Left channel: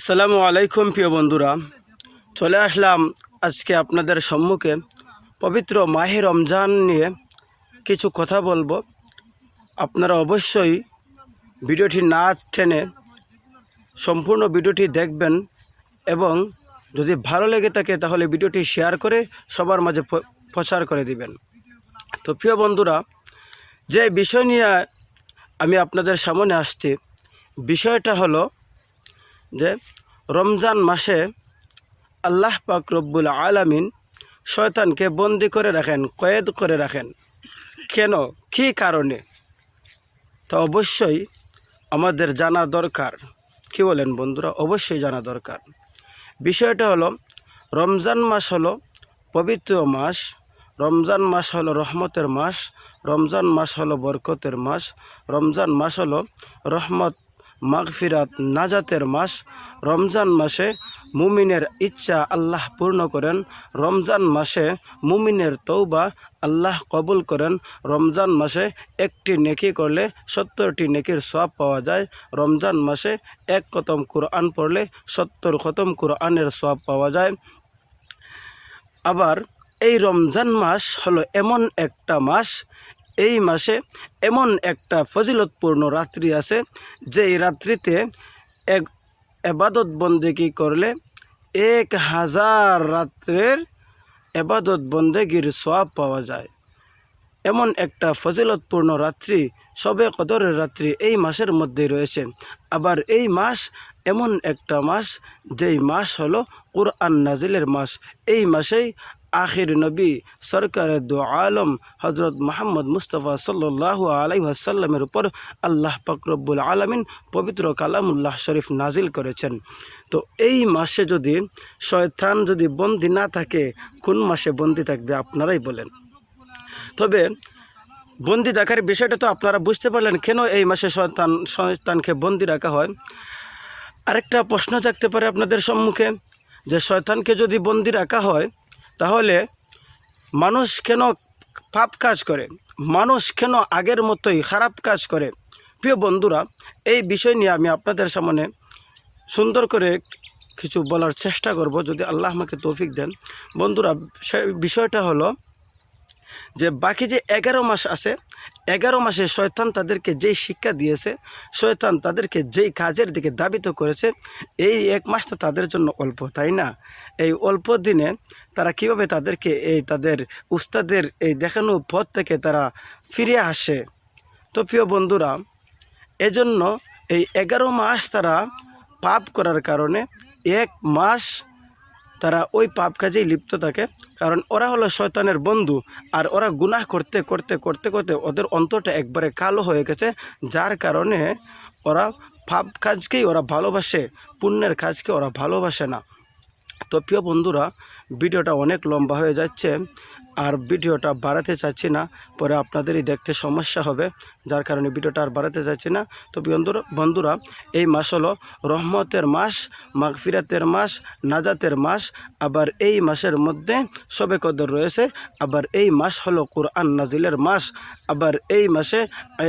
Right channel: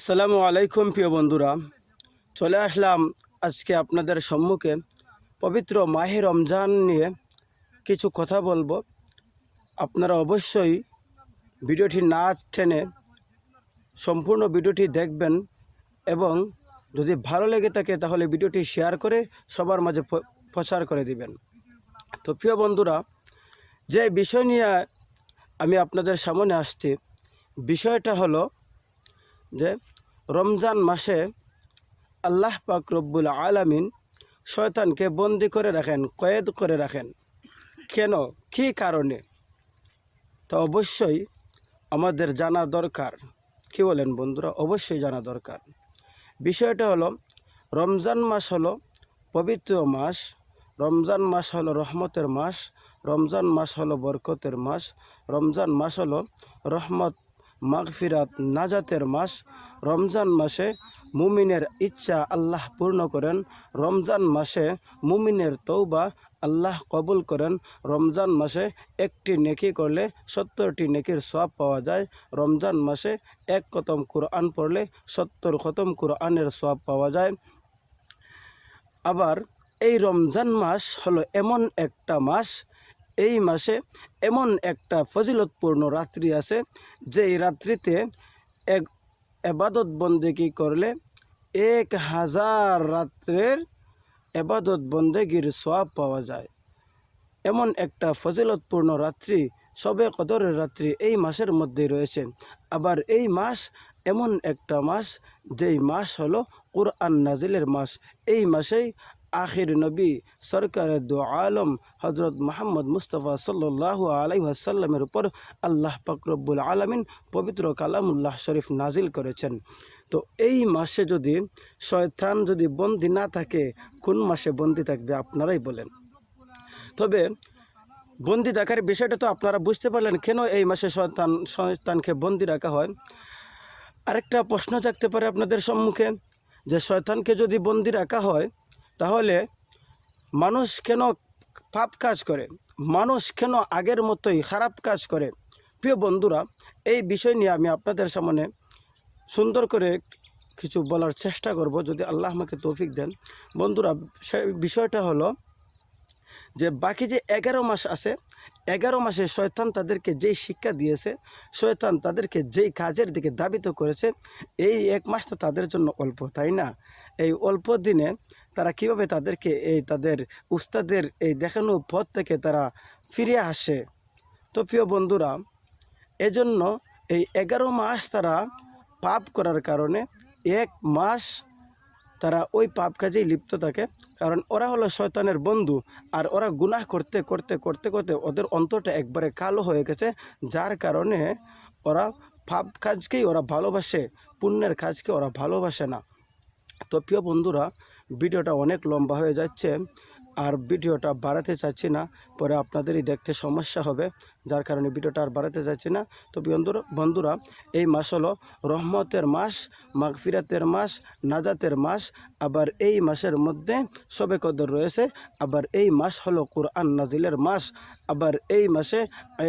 আসসালামু আলাইকুম প্রিয় বন্ধুরা। চলে আসলাম আজকে আপনাদের সম্মুখে। পবিত্র মাহে রমজান নিয়ে কিছু কথা বলব। আপনারা অবশ্যই ভিডিওটি না টেনে সম্পূর্ণ ভিডিওটি দেখবেন এবং যদি ভালো লেগে থাকে তাহলে ভিডিওটি শেয়ার করে সবার মাঝে প্রচার করে দিবেন। তো প্রিয় বন্ধুরা, যে বিষয় নিয়ে আমি আপনাদের সামনে আসছি, বিষয়টা হলো যে রমজান মাসে আল্লাহ পাক রব্বুল আলামিন শয়তানকে বন্দি করে রাখেন, কয়েদ করে রাখেন। কেন? কী কারণে? তো অবশ্যই আমাদের জানা দরকার। কি বলেন বন্ধুরা? অবশ্যই জানা দরকার। বিষয়টা হলো, রমজান মাস হলো পবিত্র মাস, রমজান মাস হলো রহমতের মাস, রমজান মাস হলো বরকতের মাস, রমজান মাস হলো রহমত, মাগফিরাত, নাজাতের মাস রমজান মাসে মুমিনের ইচ্ছা আল্লাহ পূর্ণ করেন। রমজান মাসে মুমিনের তৌবা আল্লাহ কবুল করেন। রমজান মাসে একটি নেকি করলে সত্তরটি নেকির সব পাওয়া যায়। রমজান মাসে এক কতম কোরআন পড়লে সত্তর খতম কোরআনের সব পাওয়া যায়। আবার এই রমজান মাস হলো এমন একটা মাস, এই মাসে এমন একটা ফজিলতপূর্ণ রাত্রি আছে, যেই রাত্রিতে এক এবাদত বন্দেগি করলে এক হাজার রাত্রের এবাদত বন্দেগির সওয়াব পাওয়া যায়। এমন একটা ফজিলতপূর্ণ রাত্রি সবে কদরের রাত্রি এই মাসের মধ্যে রয়েছে। আবার এই মাস এমন একটা মাস, যেই মাস হলো কোরআন নাজিলের মাস। এই মাসেই আখির নবী সরকারের দু আলম হজরত মোহাম্মদ মুস্তফা সাল্লাহ আলাই আসাল্লামের উপর আল্লাহ পাকরব্বুল আলমিন পবিত্র কালামুল্লাহ শরীফ নাজিল করেছেন। তো এই মাসে যদি শয়তান যদি বন্দি না থাকে, কোন মাসে বন্দি থাকবে আপনারাই বলেন। তবে বন্দি থাকার বিষয়টা তো আপনারা বুঝতে পারলেন, কেন এই মাসে শয়তান, শয়তানকে বন্দি রাখা হয়? আরেকটা প্রশ্ন থাকতে পারে আপনাদের সম্মুখে, যে শয়তানকে যদি বন্দি রাখা হয় তাহলে মানুষ কেন পাপ কাজ করে? মানুষ কেন আগের মতোই খারাপ কাজ করে? প্রিয় বন্ধুরা, এই বিষয় নিয়ে আমি আপনাদের সামনে সুন্দর করে কিছু বলার চেষ্টা করব, যদি আল্লাহ আমাকে তৌফিক দেন। বন্ধুরা বিষয়টা হলো যে, বাকি যে এগারো মাস আছে, এগারো মাসে শয়তান তাদেরকে যেই শিক্ষা দিয়েছে, শয়তান তাদেরকে যেই কাজের দিকে দাবিত করেছে, এই এক মাস তো তাদের জন্য অল্প, তাই না? এই অল্প দিনে তারা কীভাবে তাদেরকে এই তাদের উস্তাদের এই দেখানো পথ থেকে তারা ফিরে আসে? তো প্রিয় বন্ধুরা, এজন্য এই এগারো মাস তারা পাপ করার কারণে এক মাস তারা ওই পাপ কাজেই লিপ্ত থাকে। কারণ ওরা হলো শয়তানের বন্ধু আর ওরা গুনাহ করতে করতে করতে করতে ওদের অন্তরটা একবারে কালো হয়ে গেছে। যার কারণে ওরা পাপ কাজকেই ওরা ভালোবাসে, পুণ্যের কাজকে ওরা ভালোবাসে না। তো প্রিয় বন্ধুরা ভিডিওটা অনেক লম্বা হয়ে যাচ্ছে। আর ভিডিওটা বাড়াতে চাচ্ছি না, পরে আপনাদেরই দেখতে সমস্যা হবে, যার কারণে ভিডিওটা আর বাড়াতে চাচ্ছি না। তো বন্ধুরা বন্ধুরা, এই মাস হলো রহমতের মাস, মাগফিরাতের মাস, নাজাতের মাস, আবার এই মাসের মধ্যে সবে কদর রয়েছে, আবার এই মাস হলো কোরআন নাজিলের মাস, আবার এই মাসে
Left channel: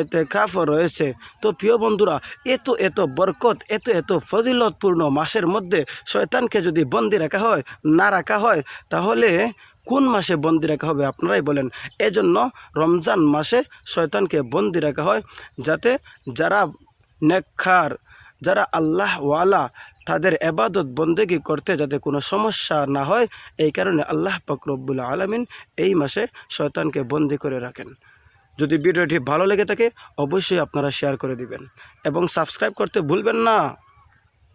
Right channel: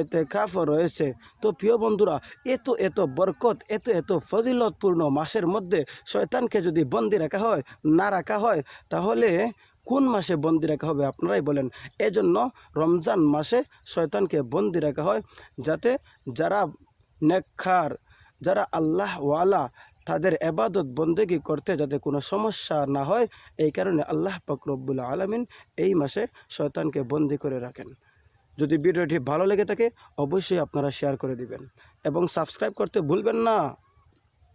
এতে কাফও রয়েছে। তো প্রিয় বন্ধুরা, এত এত বরকত, এত এত ফজিলতপূর্ণ মাসের মধ্যে শয়তানকে যদি বন্দি রাখা হয়, না রাখা হয়, তাহলে কোন মাসে বন্দি রাখা হবে আপনারাই বলেন। এজন্য রমজান মাসে শয়তানকে বন্দি রাখা হয় যাতে যারা নেকখার যারা আল্লাহ ওয়ালা তাদের এবাদত বন্দেগি করতে যাতে কোনো সমস্যা না হয়, এই কারণে আল্লাহ পাকরব্বুল আলমিন এই মাসে শয়তানকে বন্দি করে রাখেন। যদি ভিডিওটি ভালো লেগে থাকে, অবশ্যই আপনারা শেয়ার করে দিবেন। এবং সাবস্ক্রাইব করতে ভুলবেন না।